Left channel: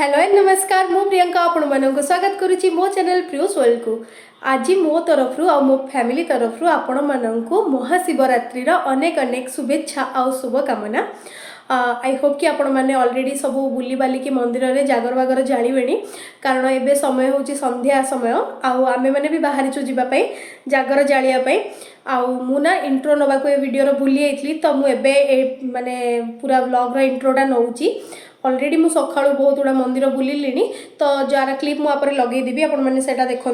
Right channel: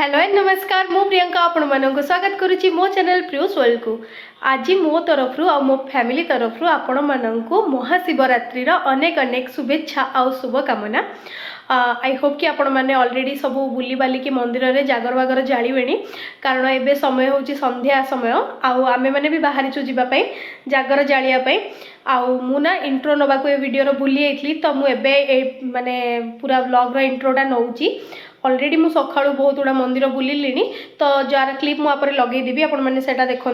Hello and नमस्कार मु प्रियंका आपण मानक स्वागत करुच्ची मो चैनल प्रियोस वर्ल्ड को। आज मो तरफ आ मो फैमिली तरफ आपण मानक महाशिवरात्रि अनेक अनेक शुभेच्छा आ शुभकामना। आई होप कि आपण मैंने अलरेडी सब बुली बालिकी मंदिर में जागर बागर जावे कारण एबे समय हूँ संध्या समय आमे मैंने भी बाहरी जावाई जागर जालियापाई मुना इंट्रो नवाक ए वीडियो भूली जाइली तो मुझे माने पूरा ब्लॉग इंट्रोटा नौची अलरेडी मु सका बहुत गुड़ा मंदिर बुलिली तो जार क्लीप मुझे लगेदेवी आपण मैंने से देखूँ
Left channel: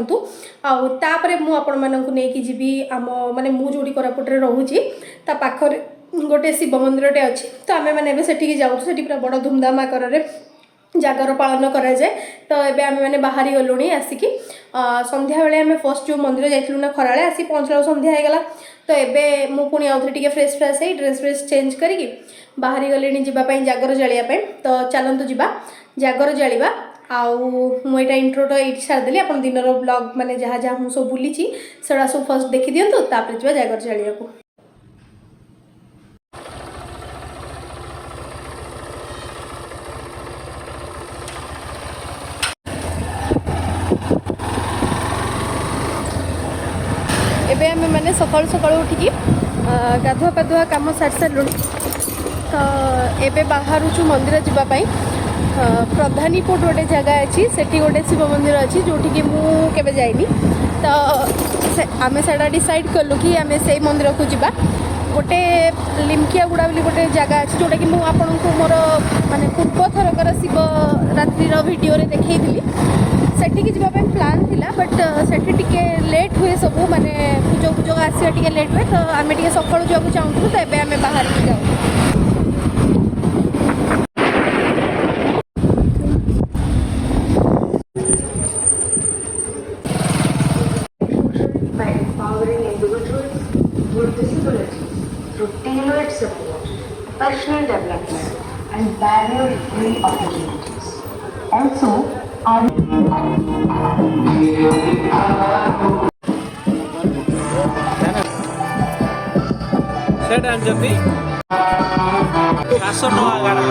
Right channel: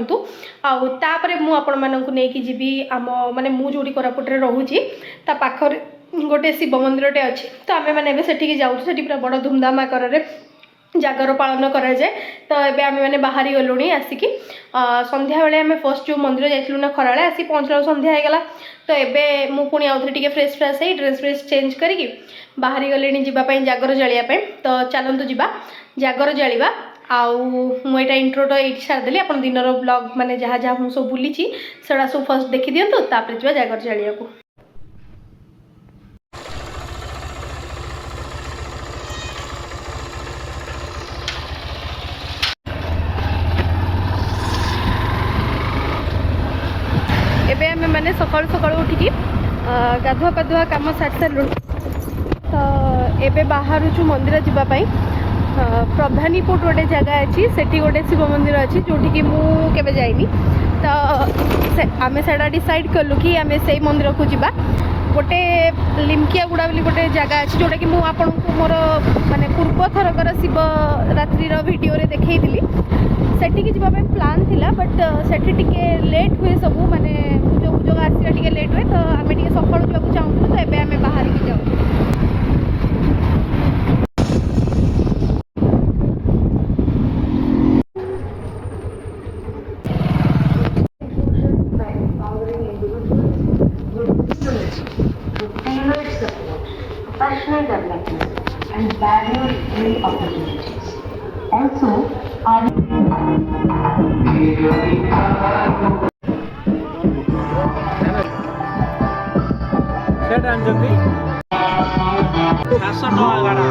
आउे मुझे जी आम माने मु जो कोरापुटे रोचे ता पाखर गोटे शिव मंदिरटे अच्छी तो आम मैंने से जाऊँ से पूरा बड़ धूमधाम आकर जागर पालन कराए तो ये आम मैंने बाहरी गलुणी आसिकी संध्या बेले आम फर्स्ट जो मंदिर जाइलु ना खराले आसी पहुँचला संध्या होगला तो ये मुझे पुणी आउ थे फ्रेश फ्रेश है ड्रेस फ्रेस चेंज करके बाहरी गले जावाई जागर जालियापाई तो चलतु जा जागर जालिबा मुझा इंट्रोटा ये सारिदेली आप दिनर ब्लॉग माने जहाँ जहाँ मुझे सब बुली से सब फर्स्ट देखी दिंतु तापर जा जागर जालिया को। एबे आमे माने सकाळु सकाळु उठिकी गाधुआ पाधुआ काम सारी सारूँ तो एबे बाहरुचु मंदिर जावाई प्रधानीपुर गोटे जगह अच्छी सेठी गोटे शिव मंदिर अच्छी जोठी कि मुझे जाइनी तो आमे सेटा डिसाइड कलु कि आमे से मंदिर को जीवा गोटे लिमकिया गुड़ा बोली गोटे जगह अच्छी जोटा कि मुझे मोर माने पूर्व थरकर शिवरात्रि वीडियो रे देखी सेठी जावाई प्लान थिला बट सेठी टिके लेट हुए सब माने पूजा पूजा आसवा टिके लेट हुए तो आम टे सका जावाक चाहूँ तो ये आम बाहर की जाऊँ। Personal development and barrier-free opportunities. Also, our Set and Jati. Kasar no agara.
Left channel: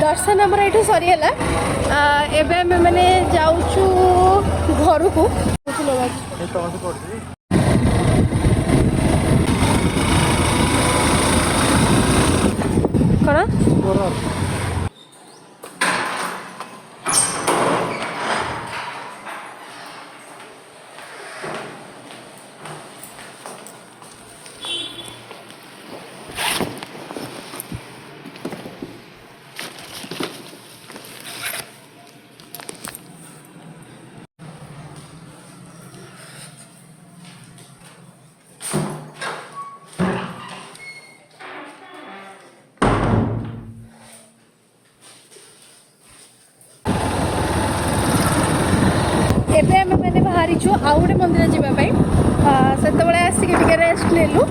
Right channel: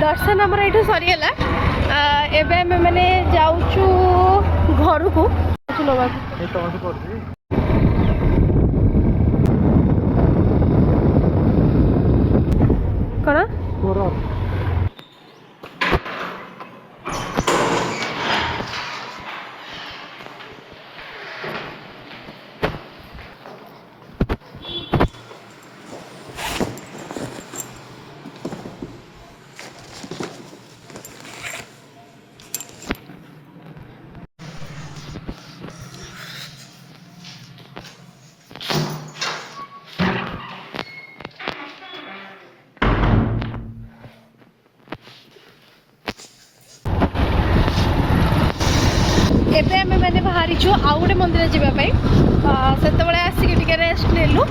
दर्शन आमर ये सरीगला एबे आम मैंने जाऊँ घर को कौन एबे आम मैंने बाहरी आउ गोटे मंदिर जावाई से आसिक रेस्ट नेलु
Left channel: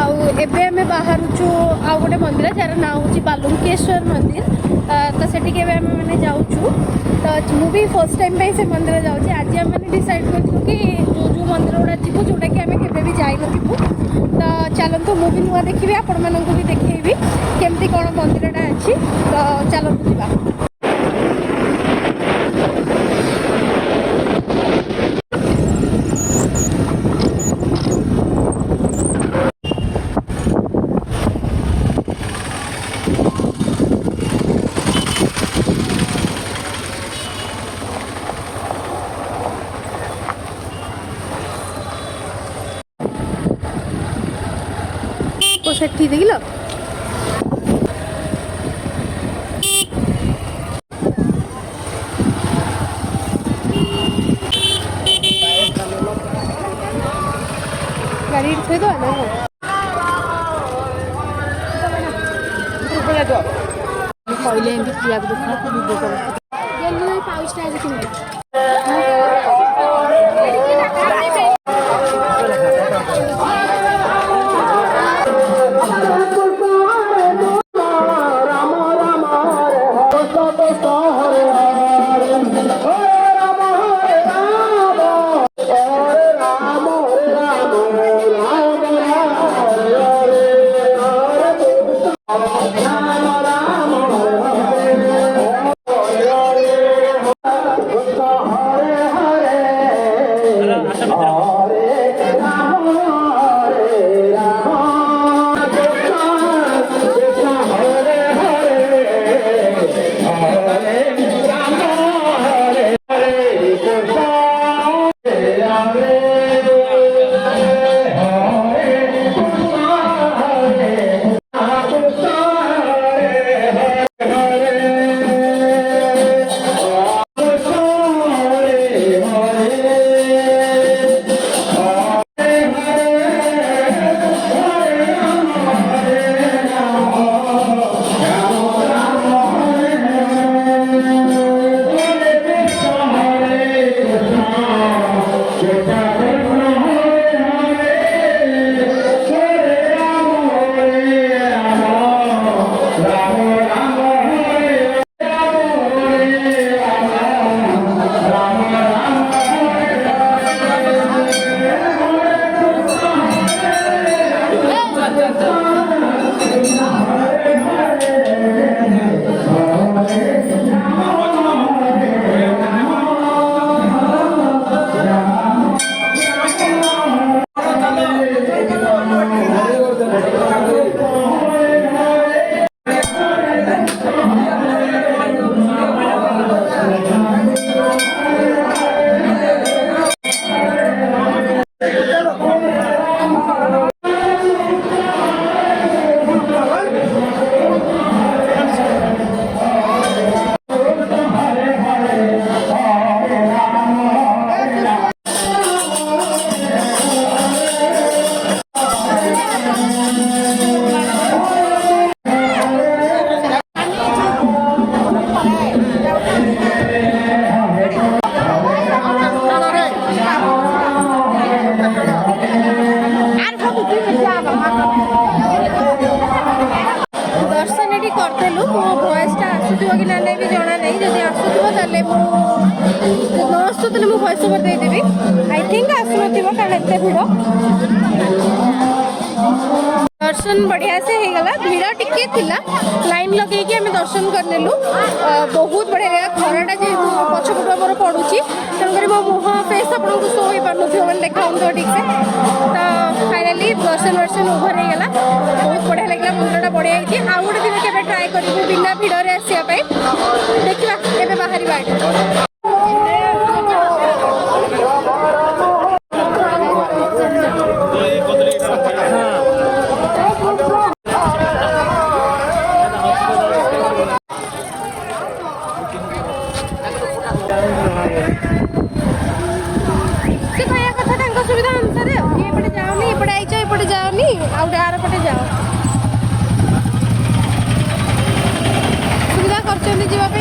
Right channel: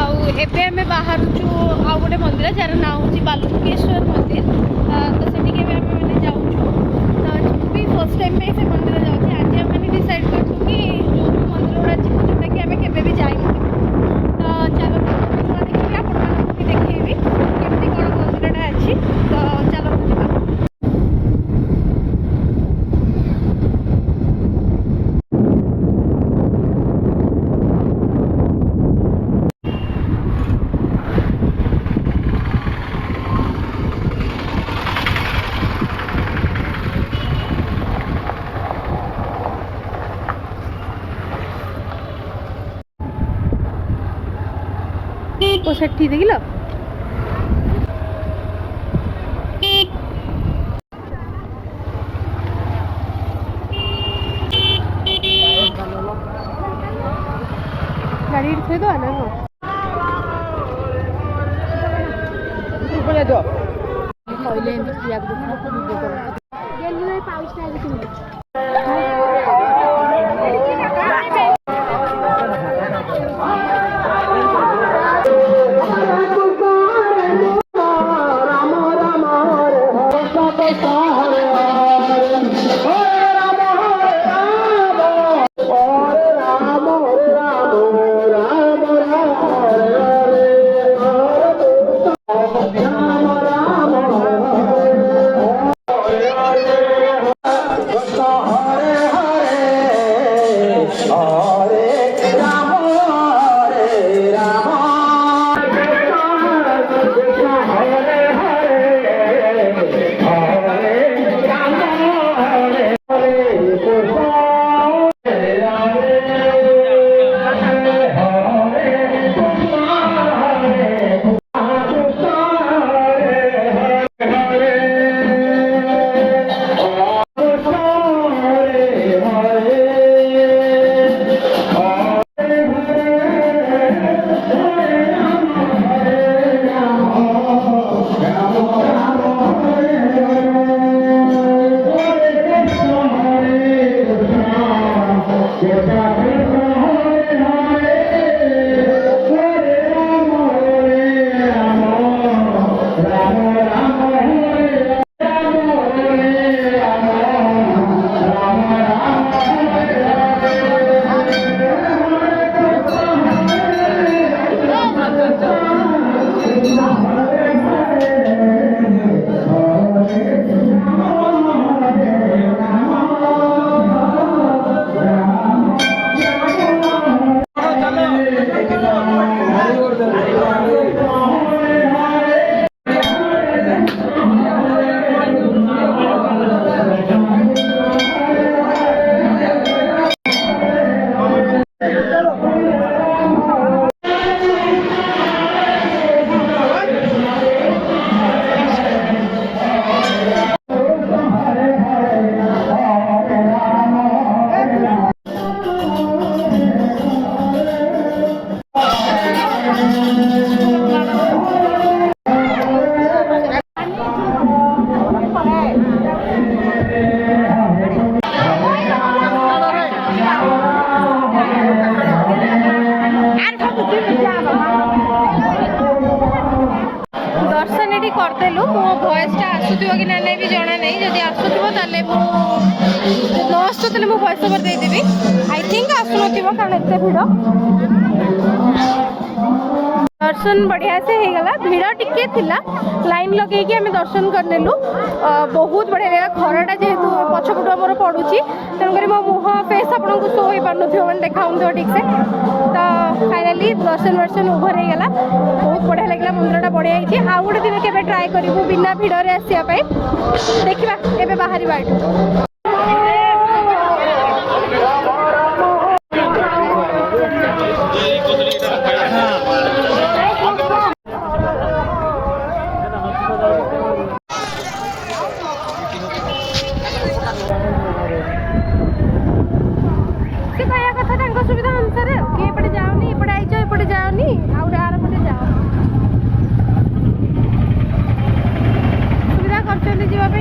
आबे आम बाहर आउ गोटे मंदिर जार ना हूँ बालुकेश्वर मंदिर तो से मैंने जाऊँ तो मुझे फर्स्ट टाइम से मंदिर जाऊँगी आज आम मैंने डिसाइड करूँ कि जो जो मंदिर गुड़ा जीवु जोटा कि आम के जाइन तो चलतु मुझे नुआ देखी आपण मानक भी देखी केमती कौन मंदिरटा अच्छी तो चलतु जा। ओ सेठी देखिल गाड़ी थोड़ी दो ना କହିଲେ ଏମିତି ପିଆଜ ଦେଖିଲେ ତୁ ଭିଡ଼ିଓ କର ଗେଲି 5 ଷ୍ଟାର କିଣିଲି दर्शन ये करदेलु मो भयसटा आसुथिबो कि ना नहीं भी जना नहीं जदि आसुथिबो ताले मो न आसु ताले मो voice over they Devi I think आसुनथिबो कारण एते भिड़ दर्शन बढ़िया से हो गला भिड़ टिके थिला लाइन लगे कि हमें दर्शन करनेलु बहुत बढ़िया लगा खराटा जेहेतु पछपट मोर पड़ुची तेणुकर मो मुह फेस आपको शो हो पार मैंने देखा ठीक से तो फाइनाली दर्शन वर्शन ओभर हो गला बहुत बढ़िया लगे मंदिरटा बढ़िया है आउ गोटे दिन के ट्राए करूँ बिना भिड़ आसवाई देखा ए बाहर सुविधा अनुसार एपटे जाओनी एपटे आईच एपटे जाओनी आउटे आर पटे जाओ सुविधा करछन्ती जीवा पे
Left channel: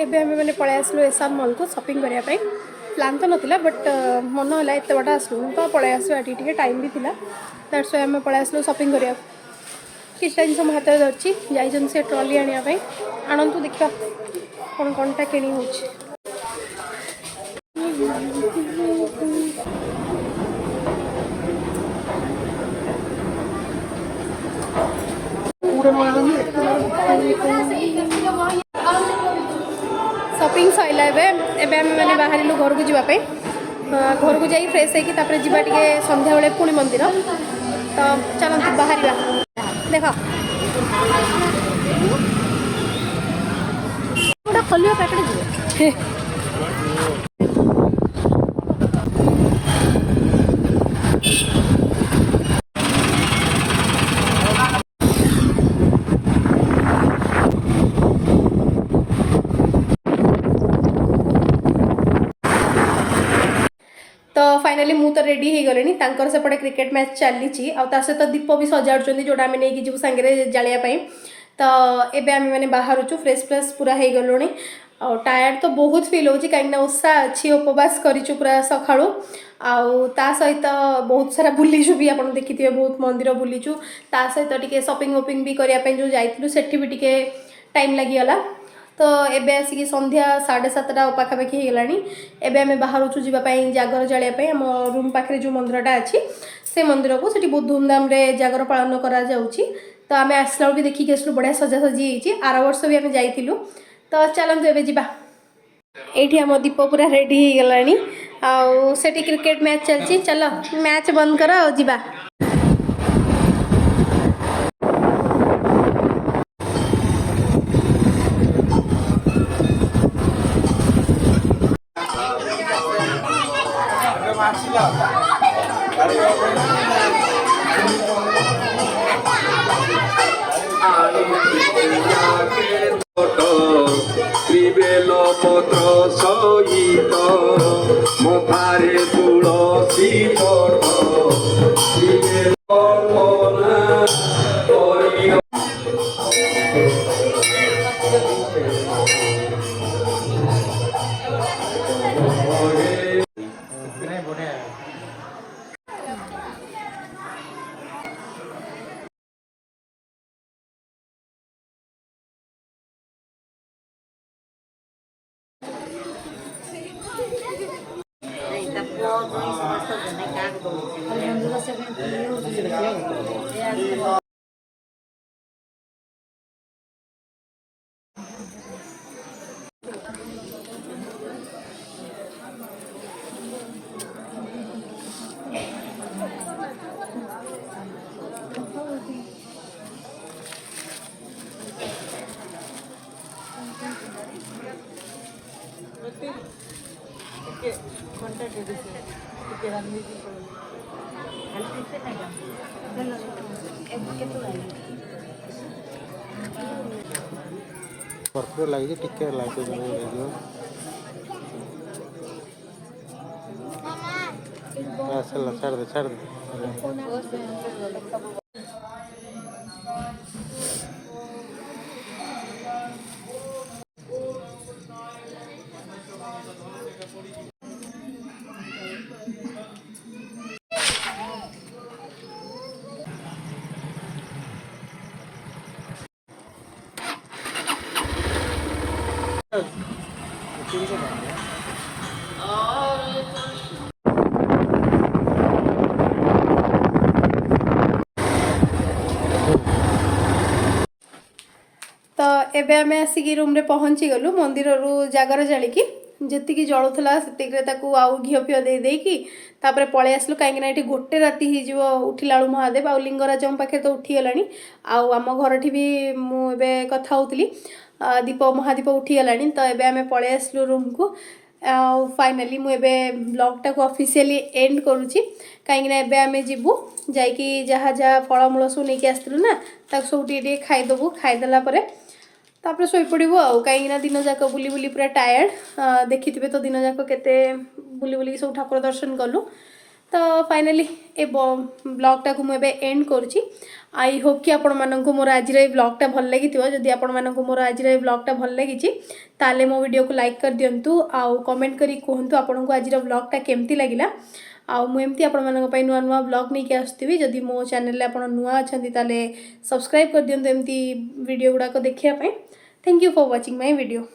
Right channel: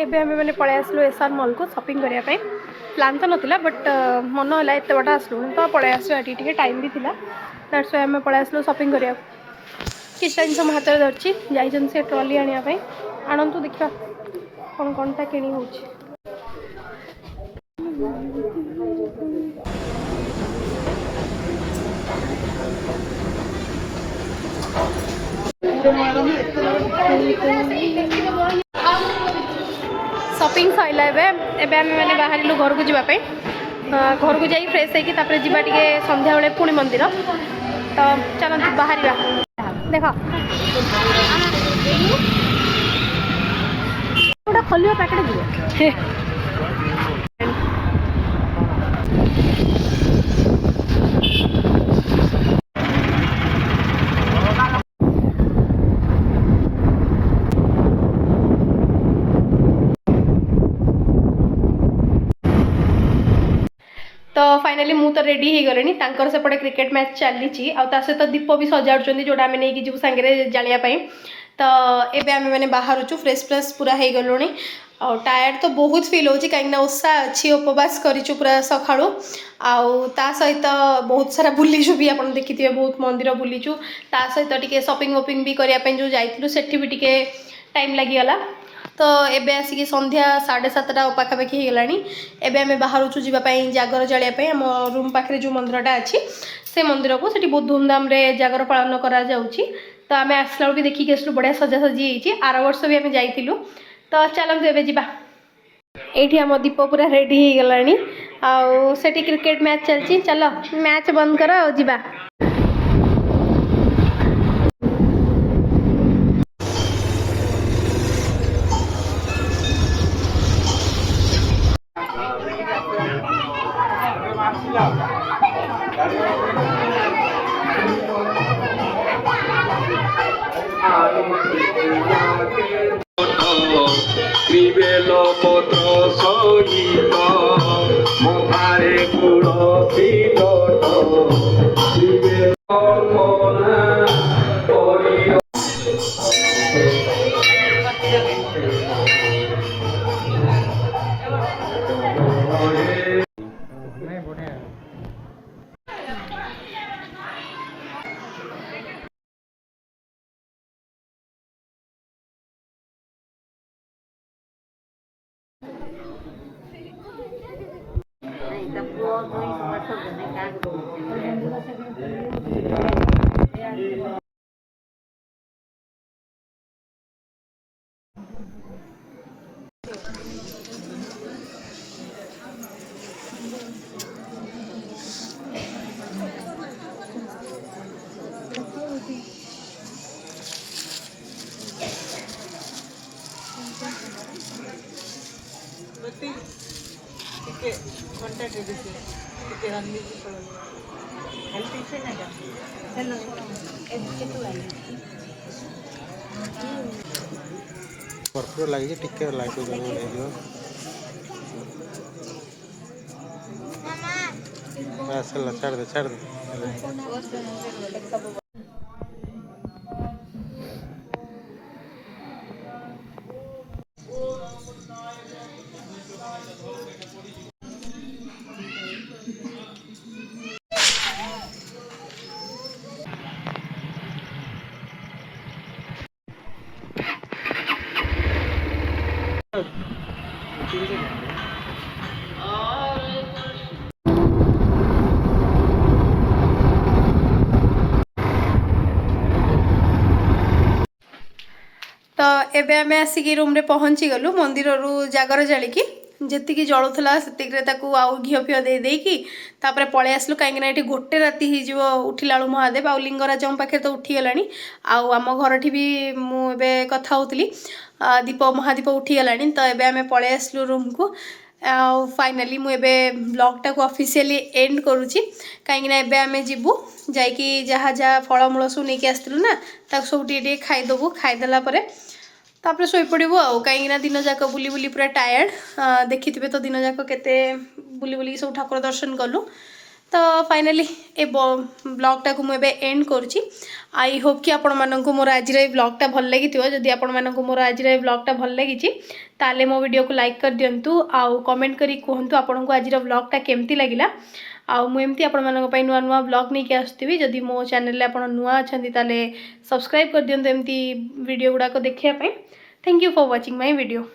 एबे हमें मैंने पळै आसलु एसआर मॉल को शॉपिंग करने प्लान तो नाला बट मन है एत बाट आसलु तो पलि आसो ये टाइम भी था दैट्स वाई आम पलि आसलु शॉपिंग करिया किसी जिन मो हाथ में धरची जाइछन से ट्रॉली आने आणतु देखा कौन कौनटा किणी हो शॉपिंग सैला एवं मैंने बाहर घर को जावाई घर को जा फ्रेश होकर जावा टे संध्या बेले पुणी मंदिर तो चलते बाहर देख खोल पैकेट तो फाइनाली मु तो रेडी हो गले तांकर सेपटे क्रिकेट मैच चली सहित दीप भी सजाड़ जोड़ा आम नहीं जीव सांगे जालियापाई तो एबे आम मैंने बाहर फ्रेश फ्रेश पूरा हो गलुणी और टायर्ड तो बहुत फिल होची कहीं ओषा अच्छी उपवास करूँ पूरा सकाळु ता सहित बहुत सारा बुलीचु भी आप देखिए बहुत मंदिर बुलीचु ता सहित टिके शॉपिंग वॉपिंग भी करने जो जाइलु सेठी भी टिके टाइम लगिगला तो एबे आसिक संध्या 7:30 पाखापाखि हो गलानी एबे आम बाहर जावाई जागर जालियापाई आम रूम पाखे जो मंदिरटा अच्छी से मंदिर को सेठी बहुत धूमधाम रे जागर पालन करा जाउची तो आम आसला भी देखिक आसलु बढ़िया सजासजी होती आर वर्ष भी आम जाइलु तो चलतु एबे जिबा एठी आम दीप पूरा रेडी हो गलानी आउ सेठी क्रिकेट मैच चलची चलो मैच बंद कर आ जिबा त्रिवेल पत्र सहित मुखारे तुलसी त्रिवेल कर्पूर लगे टिके लाइट छाड़ दे तो एबे आम आसिक रूम रे पहुँची गलु मंदिर रू जागर जालिकी जी जलूला से आउ घी फिओ दे देकी तापर पलि आसलु कहीं ये गोटे राति हो उठिला महादेव आउ लिंगराज पाखे तो उठीगला आम घर भी मुझे कथा होती दीप महादीप उठीगला तो एबे आम पलि आसलु रूम को फाइनाली मुझे ब्लॉगटा को ऑफिशियली एंड करुच्ची कहीं एबे आम जीवु जाकि जहाँ जहाँ फलमूल सब नहीं आसलु ना सब टे खाईदेबू खाईदेला तापर शोपड़ू आउ कहीं दिन जाक बुली बुली पूरा टायर्ड देखिथे तो दिन जाक केते बुली बुली सब ठाकुर दर्शन कलु तो फाइनाली ए ब्लॉगटा को मुझे एंड करुँची। आई होप कि आपण मानक मोर आज ब्लॉगटा भल लगी जदि आपण मानक मोर आज ब्लॉगटा भल लगी ताले मो वीडियो को लाइक कर दिंतु आउ कमेंट करी कहतु आपन को आज ब्लॉगटा केमती लगिला। आउ मुझे आपण मानक नुआ नुआ ब्लॉग नहीं आसुवी जदि मो चैनल आप नुआ अच्छा ताले सब्सक्राइब कर दिंतु एमती वीडियो गुड़ाक देखापी। Thank you for watching my video.